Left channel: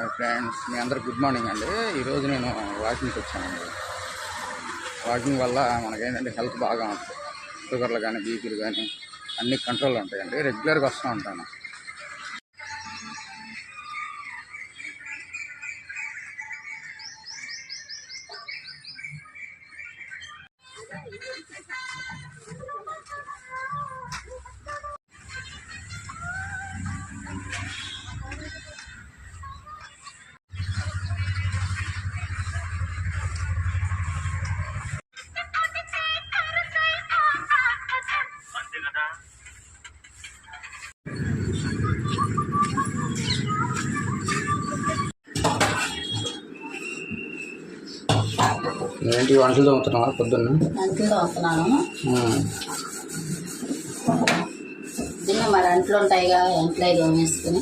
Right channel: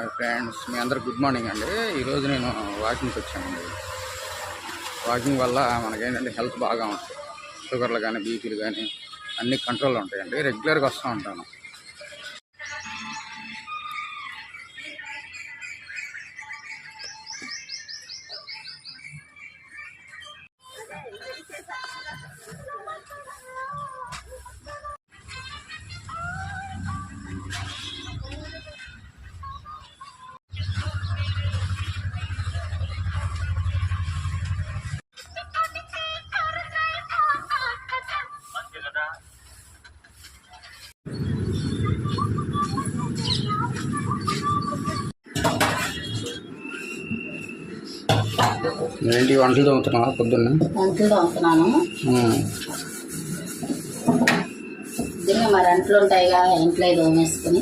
Hi friends మీ అందరు good morning అండి. ఈరోజు నేను వాకింగ్కి వచ్చానండి. వాకింగ్ వల్ల మనకేంటంటే హెల్త్ బాగా ఉంటుంది. షుగర్లు కానీ బీపీలు కానీ అన్ని కంట్రోల్లో ఉంటాయండి. రెగ్యులర్గా వస్తూ ఉంటాను. ఏంటి వంటలు తోముతున్నావా పొద్దున్న? అంట్లు తోముతున్నాను ఉమ్. దీన్ని మరి అంట్లు ఉంటాయి కదా ఇంట్లో తోమేసుకుని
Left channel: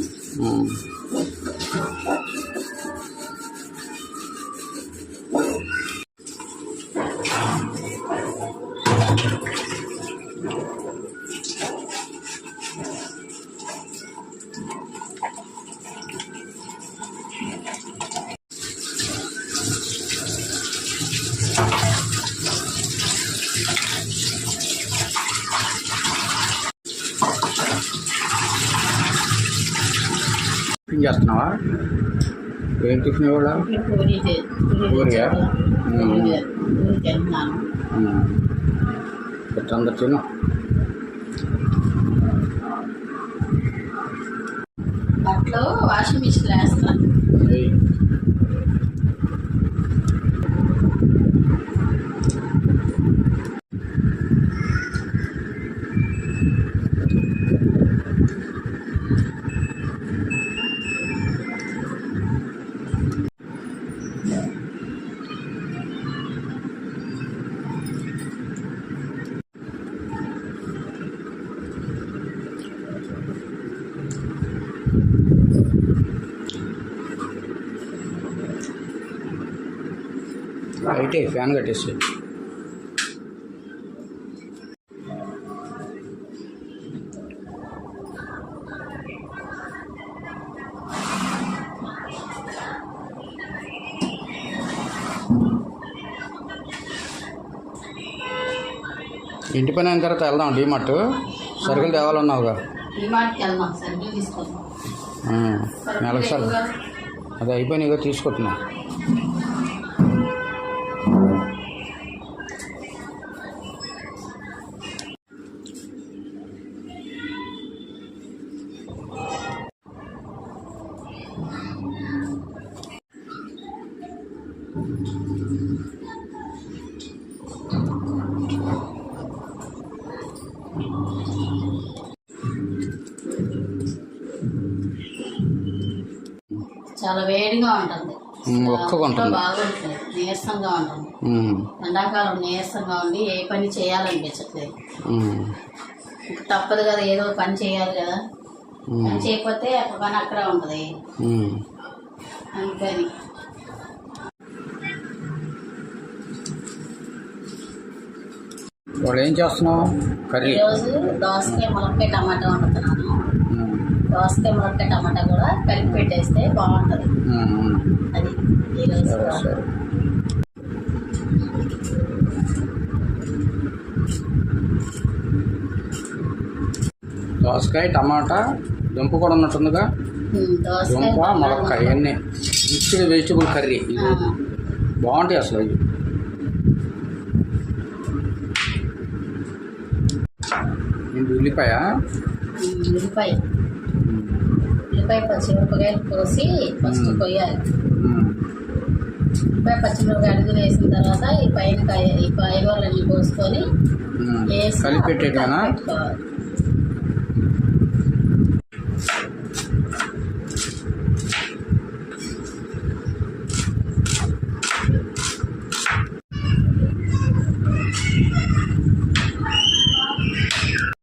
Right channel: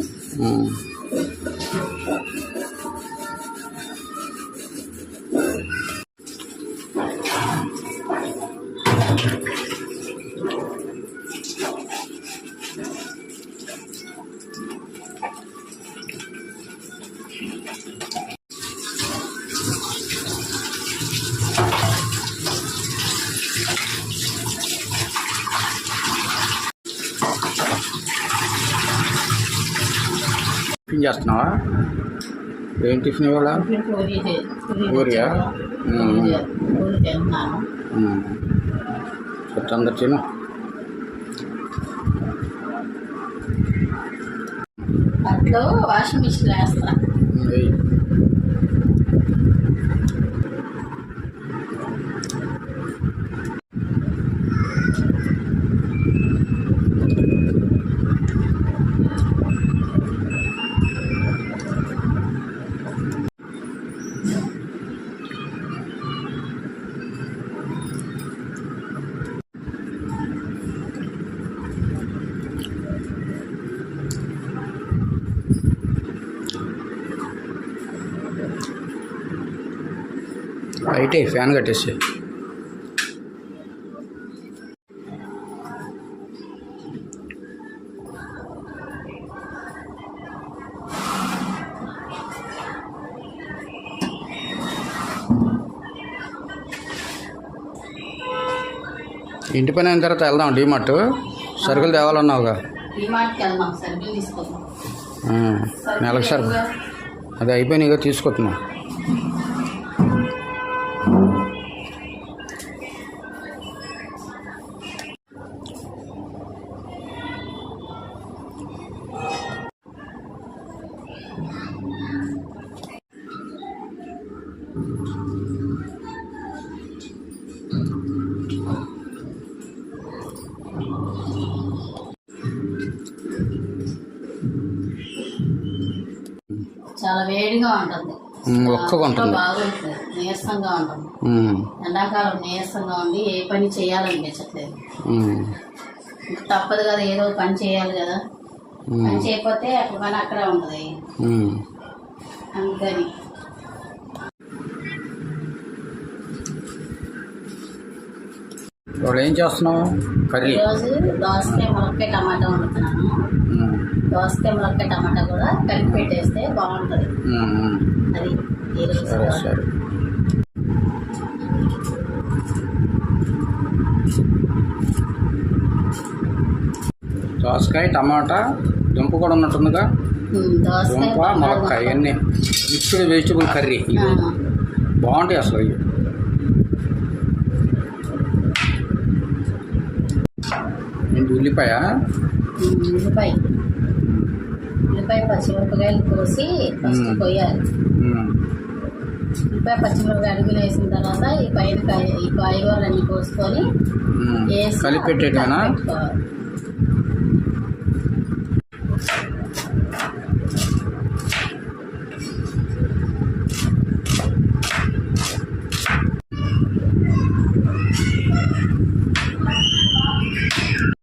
టిఫిన్ చేస్తున్నావా? ఏం టిఫిన్ ఇవాళ? పూరియా? చెత్త అందరు తిను. వాషింగ్ మిషన్ వేస్తున్నా. అయితే ఫ్యాన్ కట్టేసి ఇంటి పని అయిన తర్వాత వెళ్దాం డీమార్ట్. సరుకులు తేవాలన్నావుగా. నెలకు సరుకు. అది అయిపోయినాయిగా తీసుకుంటున్నా చాలా వేడిగా ఉంటుంది. బాగుంటుంది నీరసంగా ఉంటుంది. ఎండాకాలం నీరసంగా ఉండి ఏ పని చేయాలనిపించట్లేదు. తప్పదు కదా ఏదో ఒక పని చేయాలి కదా. చేయకపోతే అక్కడ పని అక్కడే ఉంటుంది. అందుకని. ఇవాళ ఏం చేస్తున్నావు? కర్రీ. ఈరోజు దోసకాయ ములక్కాయ టమాటా వండుతున్నాను. దోసకాయ ములక్కాయ టమాటా కూడా కలిపి పెట్టేస్తే బాగుంటుంది. అది ఈరోజు సరే. దోసకాయ టమాటా దుంప కూడా ఉన్నట్టుందిగా. దుంప ములక్కాయ ఇవన్నీ. Mixed vegetable curry. ఇది బాగుంటాయి అసలు ఇవి ఏంటి ఉల్లిపాయ? ఉల్లిపాయ. ఉల్లిపాయ పచ్చిమిరపకాయలు కోసి ఫస్ట్. కొయ్యాలి. ఉల్లిపాయ పచ్చిమిరపకాయ అడుగులు వేసిన తర్వాత ఈ పైన కాయ ఈ కాయగూరలన్నీ కోసుకొని. వేసి కలిపి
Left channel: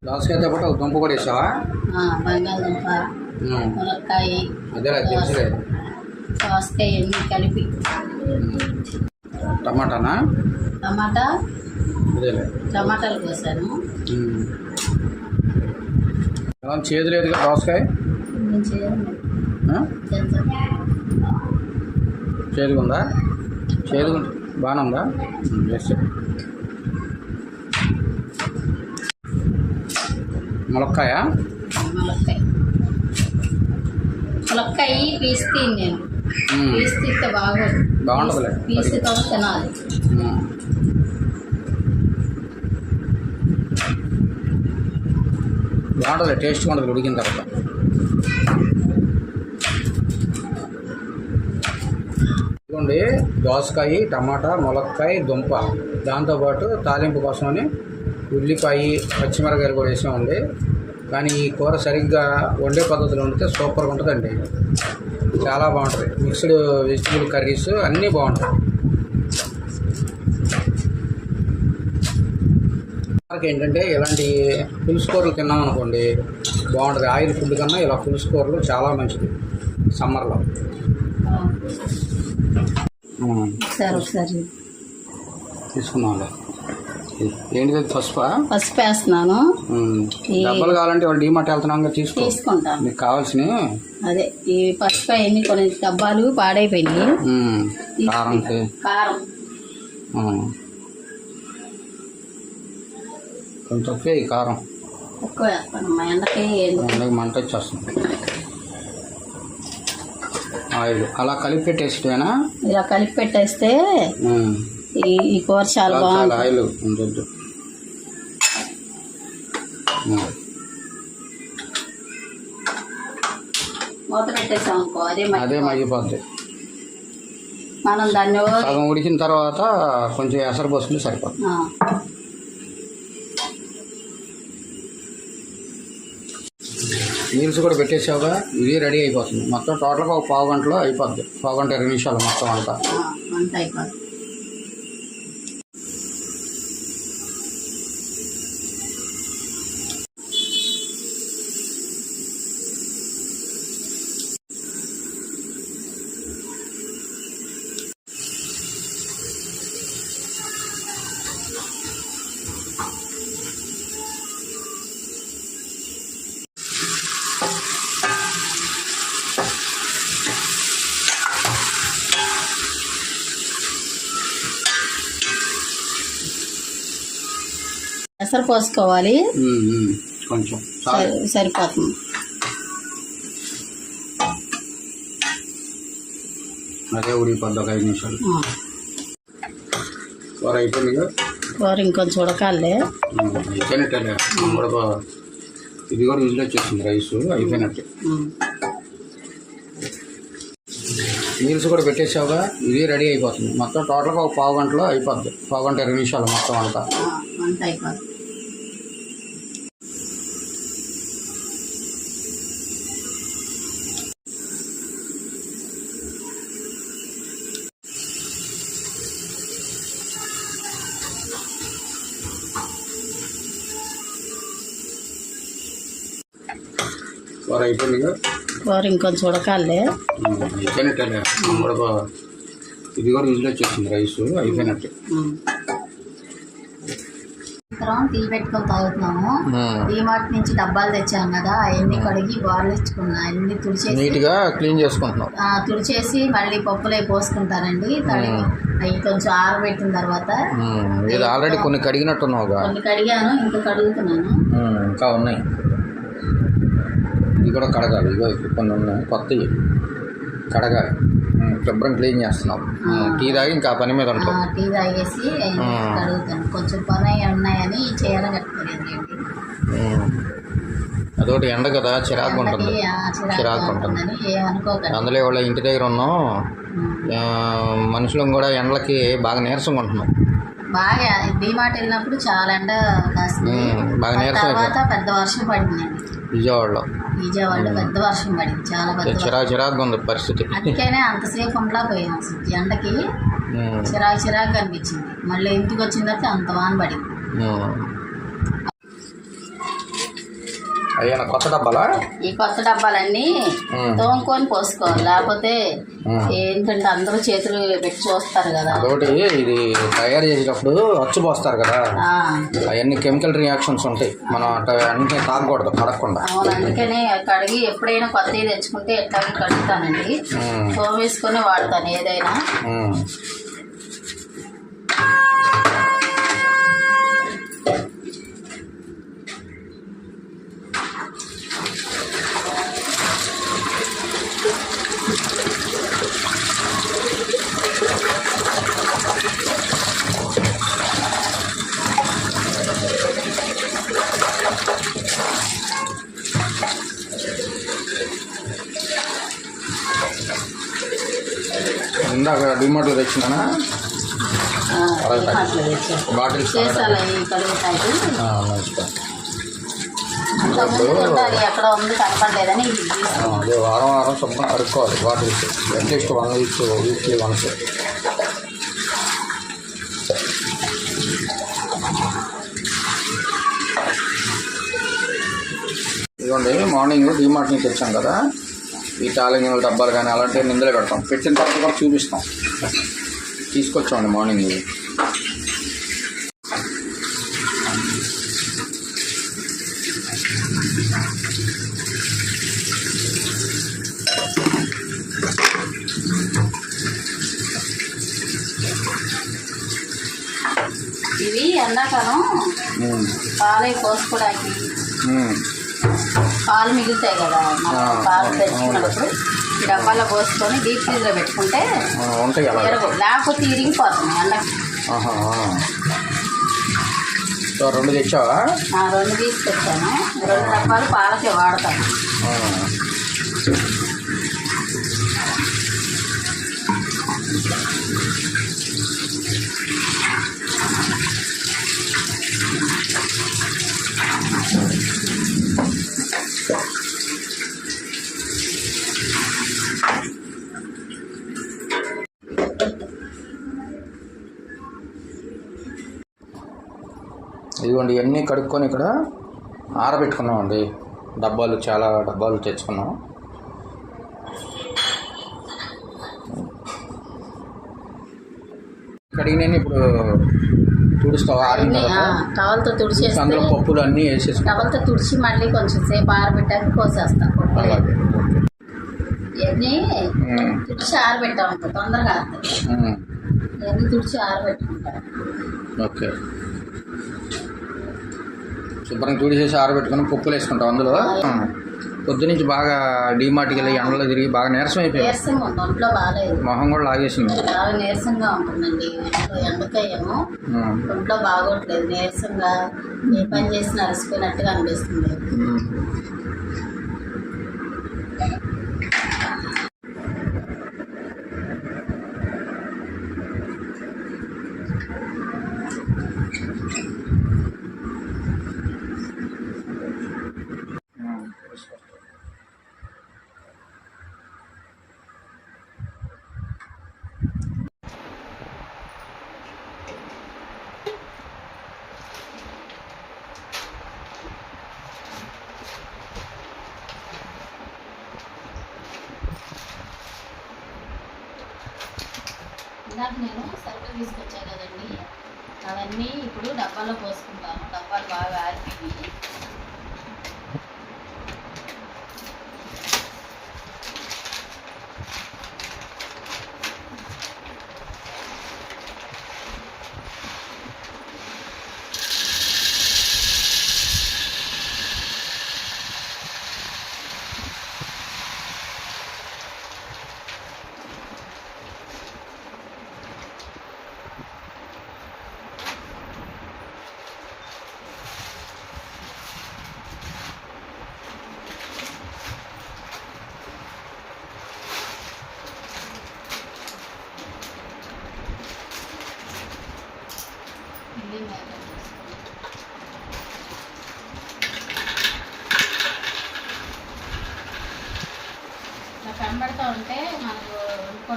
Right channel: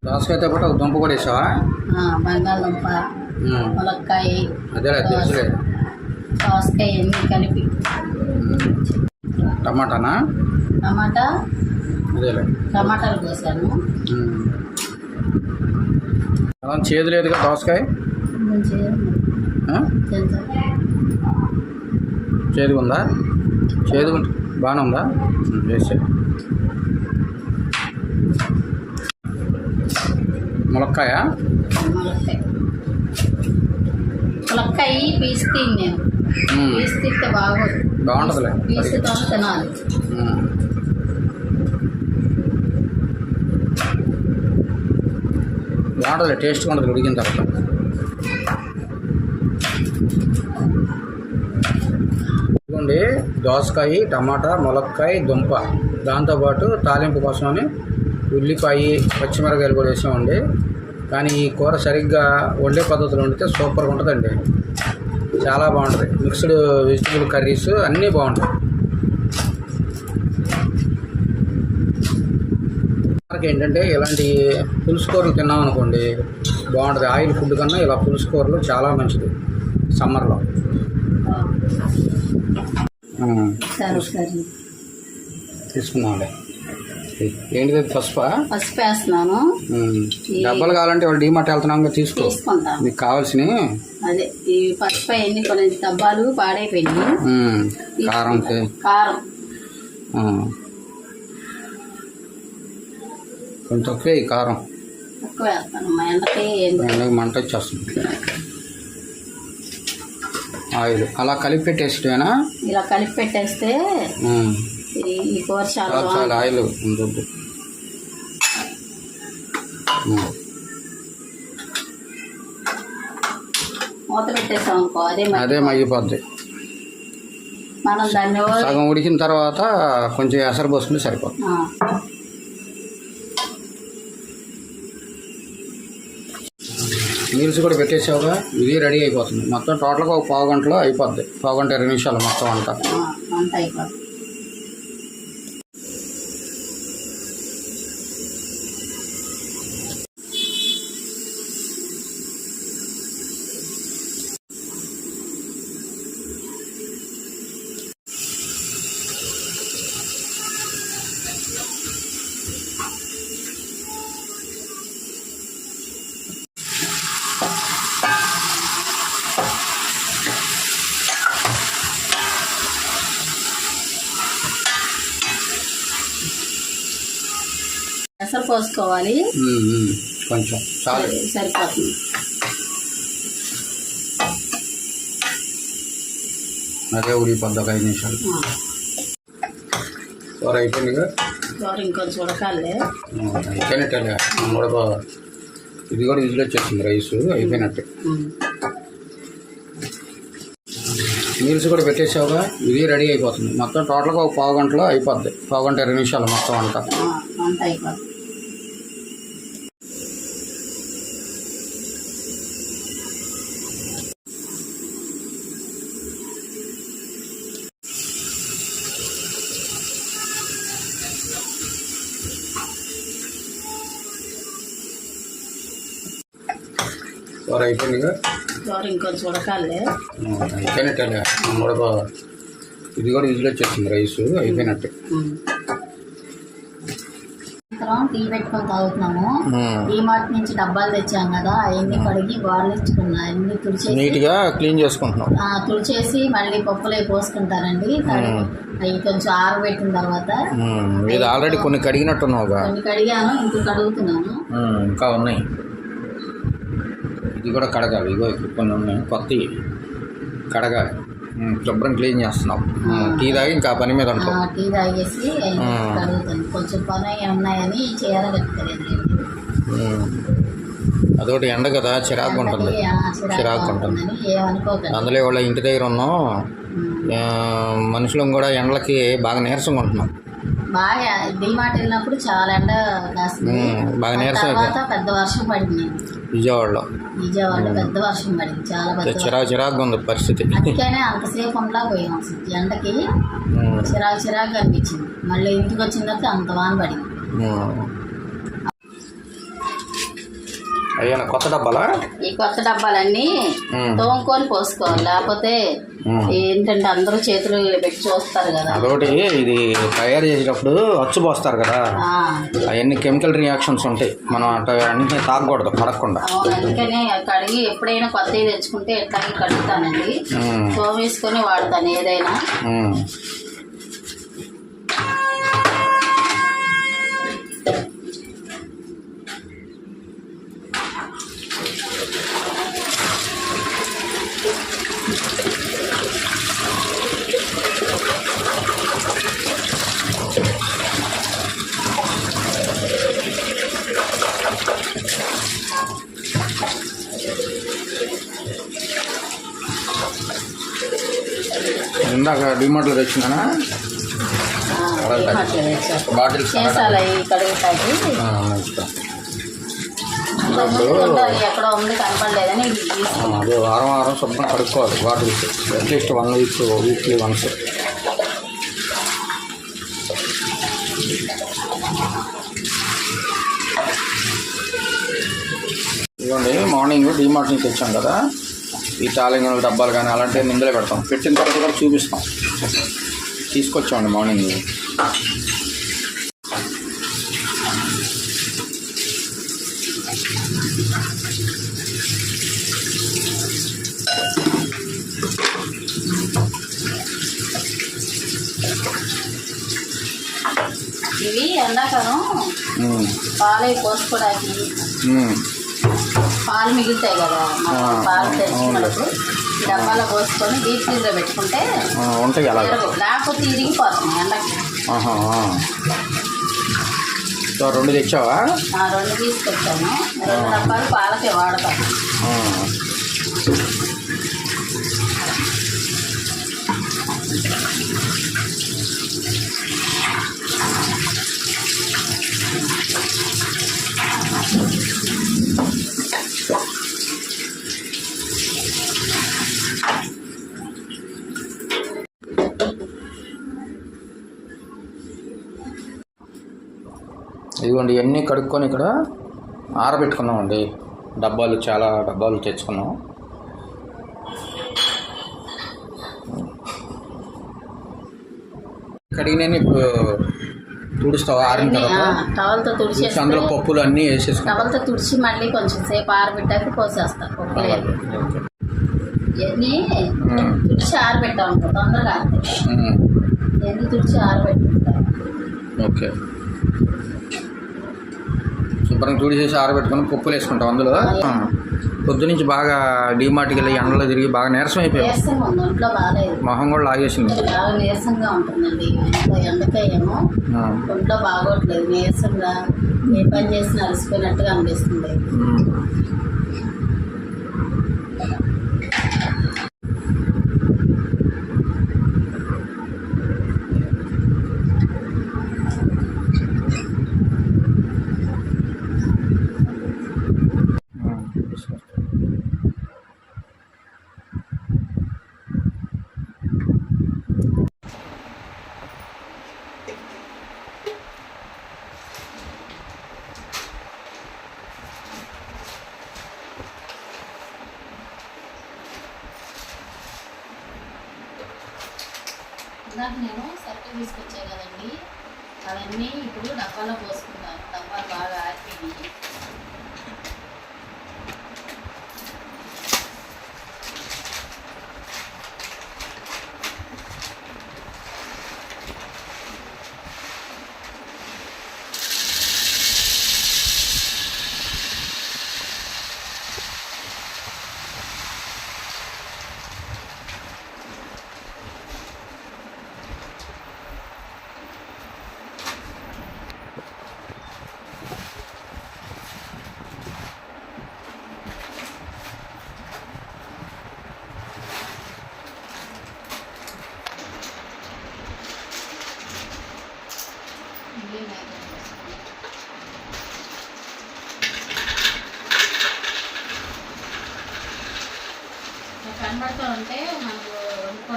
దోసకాయతో పాటు ఒక దుంప కూడా వేసావా? బంగాళదుంప. ములక్కాయ అదేలే తెలుసులే. దోసకాయ అన్నీ కలిపి. టమాటానా? టమాటా? అదేలే. టమాటాలు కోసాను. ఉంది? చేదు లేదుగా దోసకాయ? కొంచెం చేయాలి ఆ? తెలుసా చేదుగా ఉందా చేదుగా బాగానే ఉందా? వేస్తే ములక్కాయ? ములక్కాయ. ములక్కాయ పీస్ తిని నేను. పీస్ తిస్తే బాగోదు. బాగుంటుందిలే. పీసుతో తినాలి. బాగుంటుంది టేస్ట్గా ఉంటుంది ఉడికిన తర్వాత. ఇదిగోండి దోసకాయ టమాటా ములక్కాయ దుంప. దాంతోపాటు తాలింపు కోసమని ఉల్లిపాయ పచ్చిమిరకాయలు కూడా వేసామండి. కానీ ఈ కూర సరిగ్గా వండే పద్ధతిలో వండితే సూపర్గా ఉంటుందండి. చాలా బాగుంటుంది. మిక్స్డ్ వెజిటబుల్ కర్రీస్ అన్నీ బాగుంటాయి. ఏంటంటే ఇలాంటి పులుసు కూరలు తిన్నాం అనుకోండి బాగుంటుంది. ఆయిల్ ఫుడ్ కన్నా ఇలా పులుసు కూరలు చాలా మంచిది సమ్మర్లో. తీసుకుందాంలే ఏంటిది పసుపా? పసుపు వేస్తున్నాను. డబ్బాలు కావాలంటే వాళ్ళు డీమార్ట్ వెళ్తున్నాం కదా తీసుకో. తీసుకుంటాను మీకు కావాల్సినవి. అదే ఈ పసుపు అవన్నీ కొన్ని డబ్బాలు పాడైపోయినాయి. కారం ఉమ్. కొంచెం తక్కువే ఈ కారం. మా ఎండకి మంట వచ్చేస్తుంది. ఆయిల్. అలా కలిపి పెట్టేసిటేనా ఇలా కలిపి పెట్టేస్తే ఈ ఈ కూర చాలా ఆయిల్ ఉండొద్దు ఉమ్. మూత పెట్టేసాం అనుకో అదే మగ్గిపోద్ది. మనం దాన్ని సగం ఉడికిన తర్వాత కొంచెం ఎసరు పోసుకుంటే సరిపోతుంది. మీల్స్ కూడా పెట్టేసావుగా ఇది రెడీ అయిపోతుంది. మొత్తం టోటల్గా ఒక పావు గంటలో అయిపోద్ది. పావు గంట ఇరవై నిమిషాలు మొత్తం అంతా. అంత అయిపోతుంది ఎసరు పోసుకోవాలి. కొంచెం సరిపోతుంది. అదే ఉడికిపోద్ది ఒక ఐదు నిమిషాలు. ఆ, కూర అయిపోయిందిగా కూర ఇంకొంచెం ఉడకాలే. అయిపోయినట్టే కూడా ఇది కూడా విజిల్ వచ్చేసింది రైస్ అయిపోయినట్టే. మీల్స్ కూడా పెట్టేసావుగా? ఇది రెడీ అయిపోతుంది. మొత్తం టోటల్గా ఒక పావు గంటలో అయిపోద్ది. పావు గంట ఇరవై నిమిషాలు మొత్తం అంతా. కూర అయిపోయిందిగా కూర ఇంకొంచెం ఉడకాలే అయిపోయినట్టే బా- ఇది కూడా విజిల్ వచ్చేసింది రైస్ అయిపోయినట్టే. ఉమ్. సాయంత్రం టీ పెట్టుకొని తాగుతున్నాము. మాట నుంచి డబ్బాలు తెచ్చాం కదా అవన్నీ కడిగి బార్లు ఇచ్చుకున్నా అన్ని తుడిచేసి నీట్గా క్లీన్ చేసుకుంటున్నాం. ఆ, తుడిచేసి మళ్ళీ పప్పులే పోసుకుంటారండి తడిగి అవి కొంచెం ఆరబెట్టిన తర్వాత ఆల్రెడీ కొన్ని కడిగినట్టున్నావుగా. కొన్ని కడిగాను ఇంకో కడుగుతున్నాను. ఇంకా ఉన్నాయి. ఇది కూడా కడగాలి. ఇగో ఇక్కడ కొన్ని ఉన్నాయి. కొత్తవి కడగాలి. శుభ్రం క్లీన్ చేస్తున్నాం టీ తాగి ఇంకా పని మీద ఉంటాం టీ తాగేసి కొంచెం పని ఉన్నాయని చేయాలని. అదొకటి ఎండ కదా చిరాకు ఉంటుంది. చిరాకు ఉంటుంది. అందులో వాళ్ళ ఇంటి దగ్గర ఉన్నాం. మనుషులం కూడా ఎండలకి బాగా నీరసంగా ఉంటున్నాం. బాగా డిమార్ట్ వెళ్ళినప్పుడు చాలా ఎండ కాసింది బాగా నీరసం పెద్ద వర్షం పడిందండి విజయవాడలో. విజయవాడలో పెద్ద వర్షం పడింది చాలా పెద్ద. చిరాకు చిరాకుగా ఉంది పరిస్థితి. అందుకనే అంతసేపు ఉండలా పోయాం. అసలు ఎండకి చిరాకు చిరాకు అనిపించింది. మళ్ళీ ఇంటికి వచ్చిన తర్వాత అంత వాన పడింది. అయ్యా కొత్త డబ్బాలా? ఈ కొత్త డబ్బాలన్నీ. తోముకొని పోసుకోవాలి. లేకపోతే. ఏంటంటే అందరూ చేతులు పెట్టి చూస్తారు కదా. అదొకటి ఇది తయారు చేసేటప్పుడు అచ్చు పోస్తారు కదా. అవన్నీ కెమికల్ రియాక్షన్స్ ఉంటాయి. మనం అట్లా అన్ని తాగకూడదు కడగకుండా అందుకనే కడిగి ఎప్పుడైనా కొత్తవి తెచ్చుకుంటే ఎట్లాగే కడుగుతానండి. తోమేసుకొని వాడతాను ఏదైనా. డిమార్ట్లో తెచ్చాను బాటిల్స్ అది వారం వారం శుభ్రం కడుక్కోవాలి bottles. At least one week weekly once. ఇదిగోండి మార్నింగ్ డీమార్ట్ నుంచి తెచ్చాం కదా. ఈ టాలింగ్ డబ్బాలు కానీ అలాంటివి ఇందులో పెడతాం. పెట్టిన తర్వాత కూడా చూపిస్తాం. తీసుకొచ్చామండి మార్నింగ్ ఇవి ఎండాకాలం పాలై పోసుకోవడానికి పాలు మిగులుతాయి కదా పాలు తెచ్చుకున్నప్పుడు. డబ్బాలో పోసుకొని డీప్ ఫ్రీజ్లో పెట్టుకుంటే ఉంటాయి ఎరగవు. లేకపోతే ఇరిగిపోతుంది ఎండకి. సో రెండు తెచ్చావా ఆ, రెండు తీసుకొచ్చాను రెండు డబ్బాలు పాలకే వాడతాను ఆ. ఇదిగోండి ఇవన్నీ కడుక్కొని ఇక్కడ ఆరబెట్టుకున్నామండి. డబ్బాలు చాలా డబ్బాలు తెచ్చుకున్నాం. కడిగిన ఇప్పుడు తుడుస్తావు? ఆరిన తర్వాత? టవల్తో తుడిచేస్తే అందులో పప్పులు అన్నీ వేసేసుకుంటాం. టవల్తో తుడిచి మళ్ళీ కొంచెం సేపు ఆరబెట్టాక పోసేస్తా ఇవన్నీ తుడిచి ఆరబెట్టా తొందరగా. ఇవన్నీ తుడిచి ఆరబెట్టుకుంటా. ఓకే. శుభ్రంగా తుడిచేసి ఆరబెట్టుకుని పప్పులు వేసుకుంటాం అందులో. పొద్దునుంచి బాగా డీమార్ట్కి వెళ్ళి ఎండలో తిరిగి బాగా నీరసం అయిపోయాం. మొహం కూడా లాగేసింది. నీరసంగా ఉంటుందండి. ఆ, ఒంట్లో బాగోట్లేదు. నీరసంగా ఏ పని చేసినా అలసిపోయినట్టుగా అనిపిస్తుంది.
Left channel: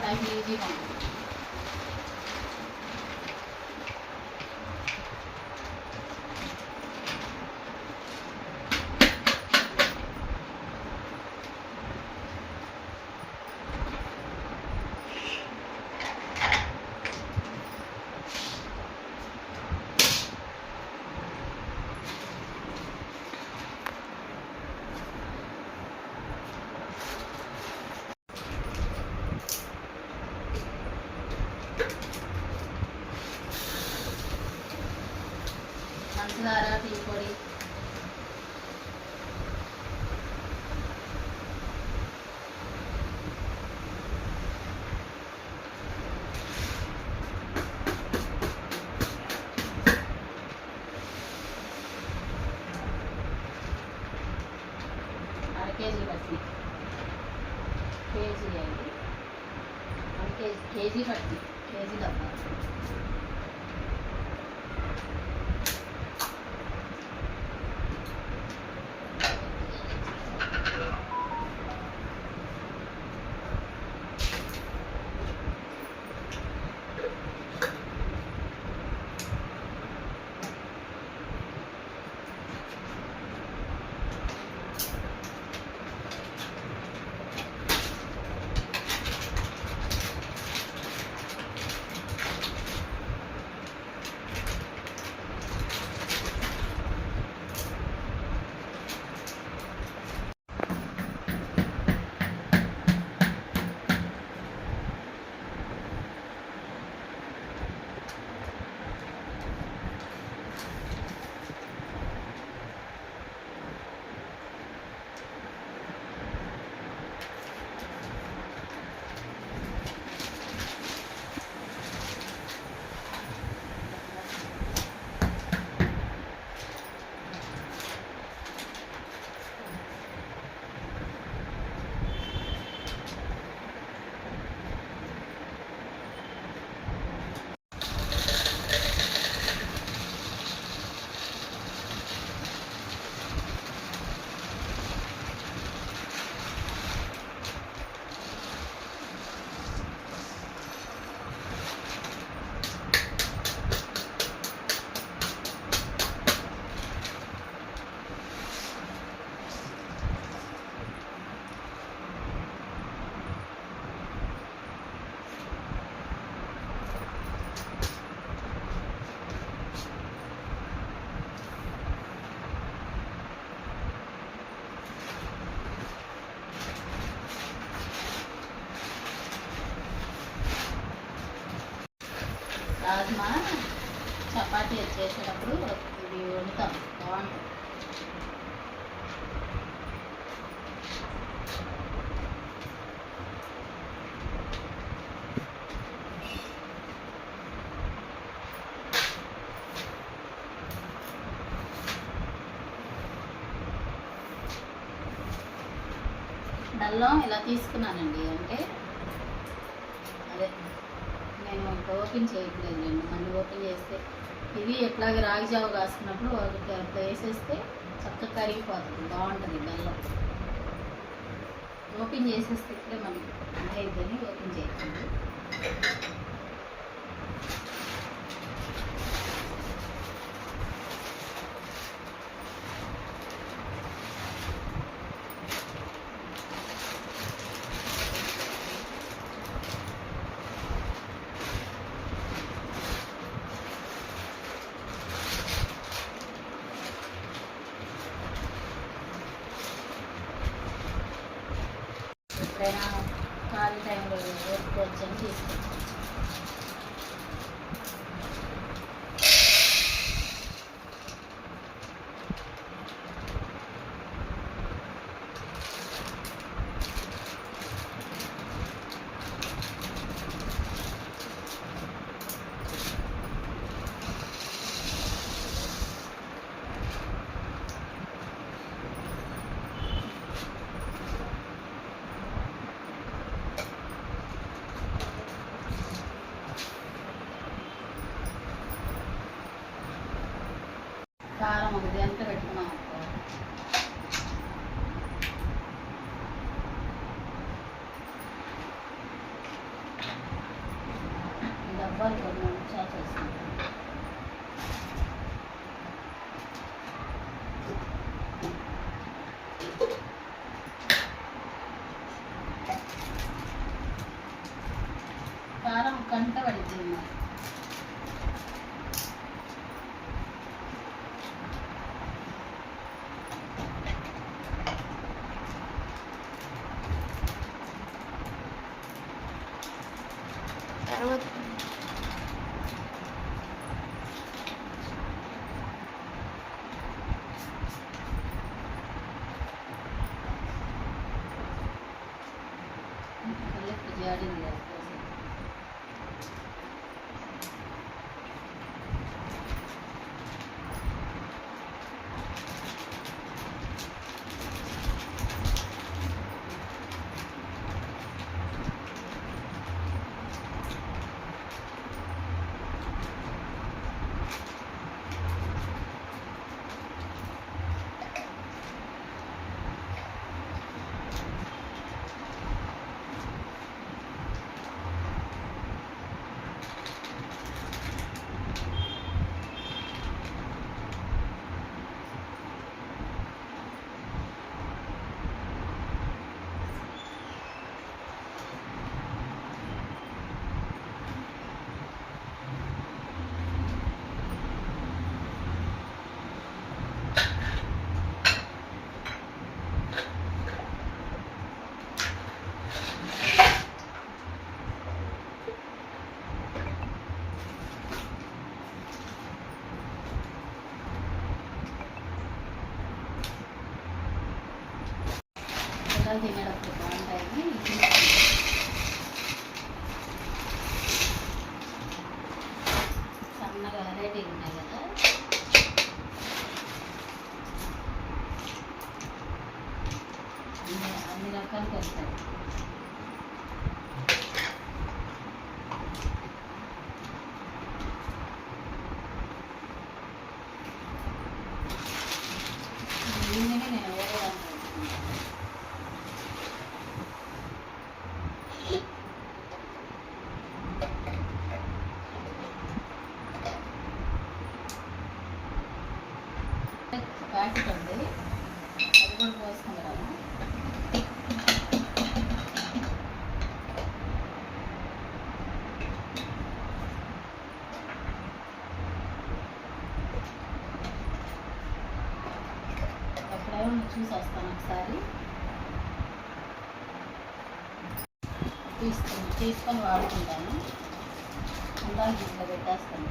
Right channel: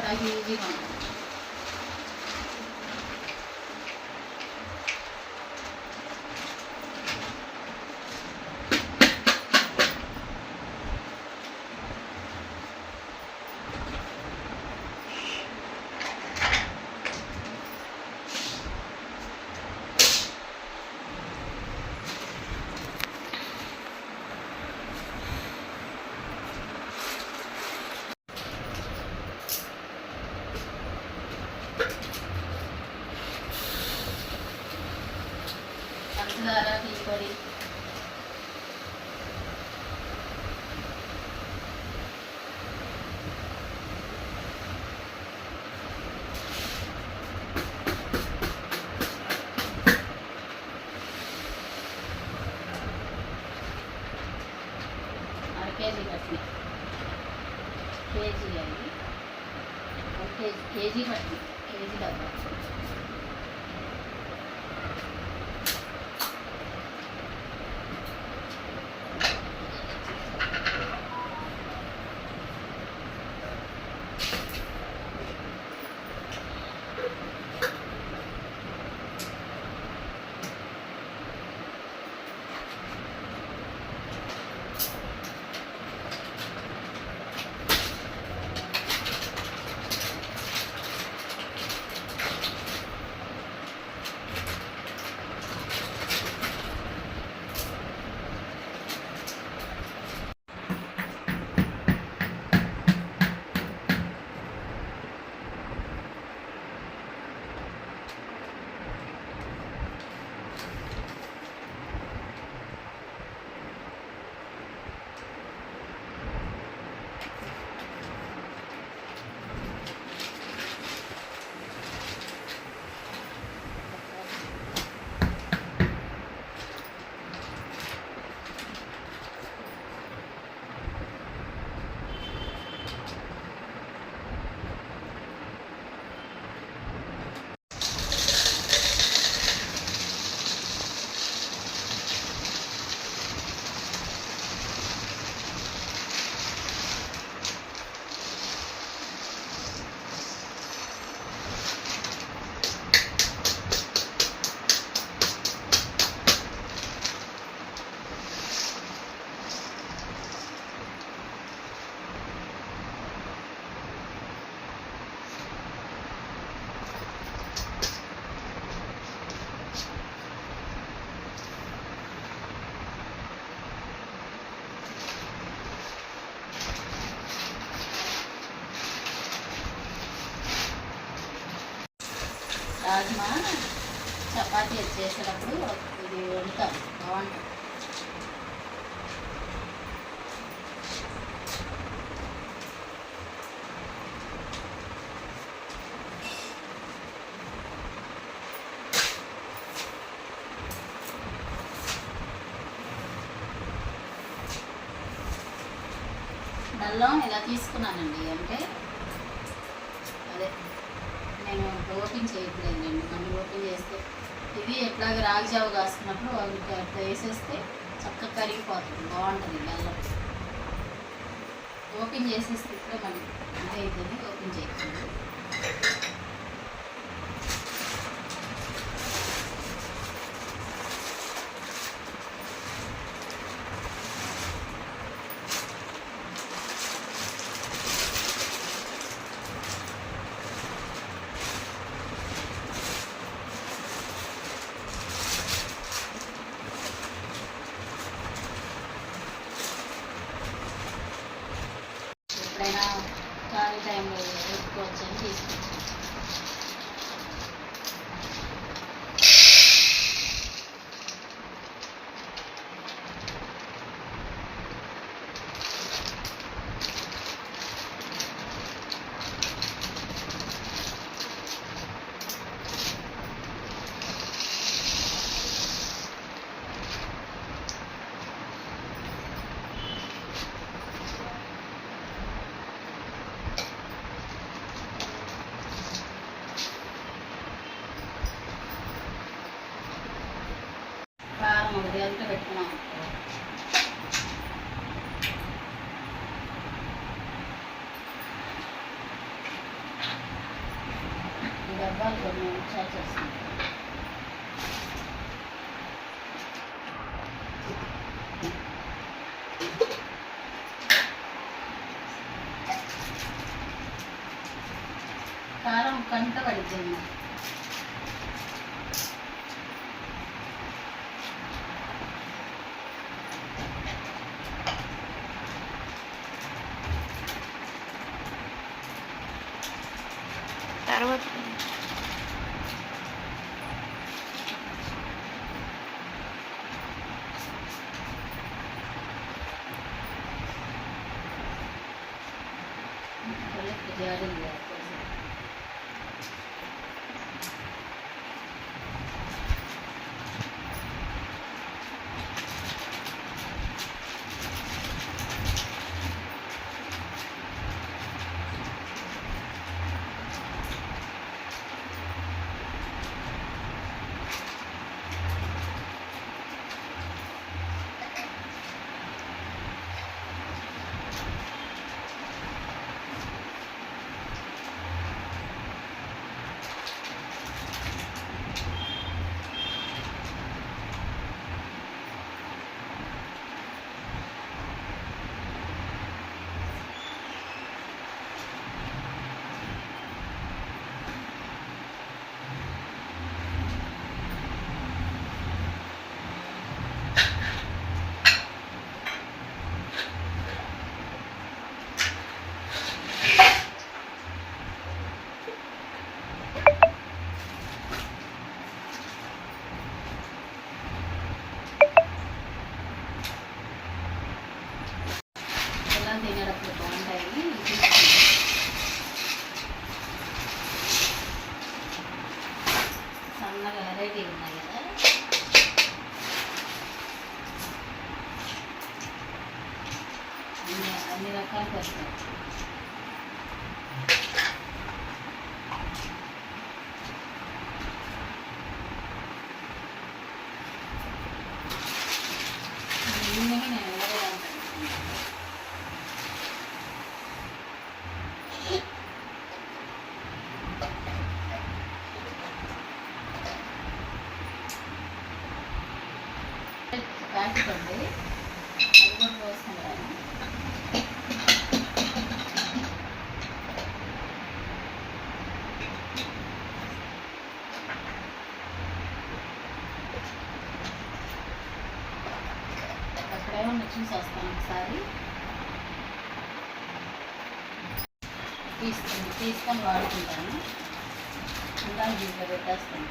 来洗衣机上 రాజ్మా? చపాతీ చేసేటప్పుడు ఇది వండుతాం. బాగుంటుంది బెల్లం ఇలా తీసుకున్నానండి అంటే అదే నేను ఓపెన్ చేయట్లేదండి నన్ను ఓపెన్ చేస్తే ఇది ఎట్లాగ రాగి జావ అట్లా వేసేస్తే చక్కగా కరిగిపోతుంది బాగుంటుంది బెల్లం. ఓపెన్ చేసేస్తే ఇప్పుడే మళ్ళీ అంటే ఇదని ఓపెన్ చేయకండి ఎప్పుడైనా ఖాళీ టైంలో ఓపుకోవచ్చు అని తీసుకొచ్చాను కారం ఒకటి అంతా పెట్టుకున్నాం అనుకో. ఈ డబ్బాలు కొన్ని ఉంచాల్సి వస్తుంది కారం కంట పడిపోయింది తర్వాత చూసి వస్తాను ఒకసారి. తీసుకొని తీసుకొని వాడుకుంటాను. ఉండాలి దీంట్లో పెట్టేస్తాను.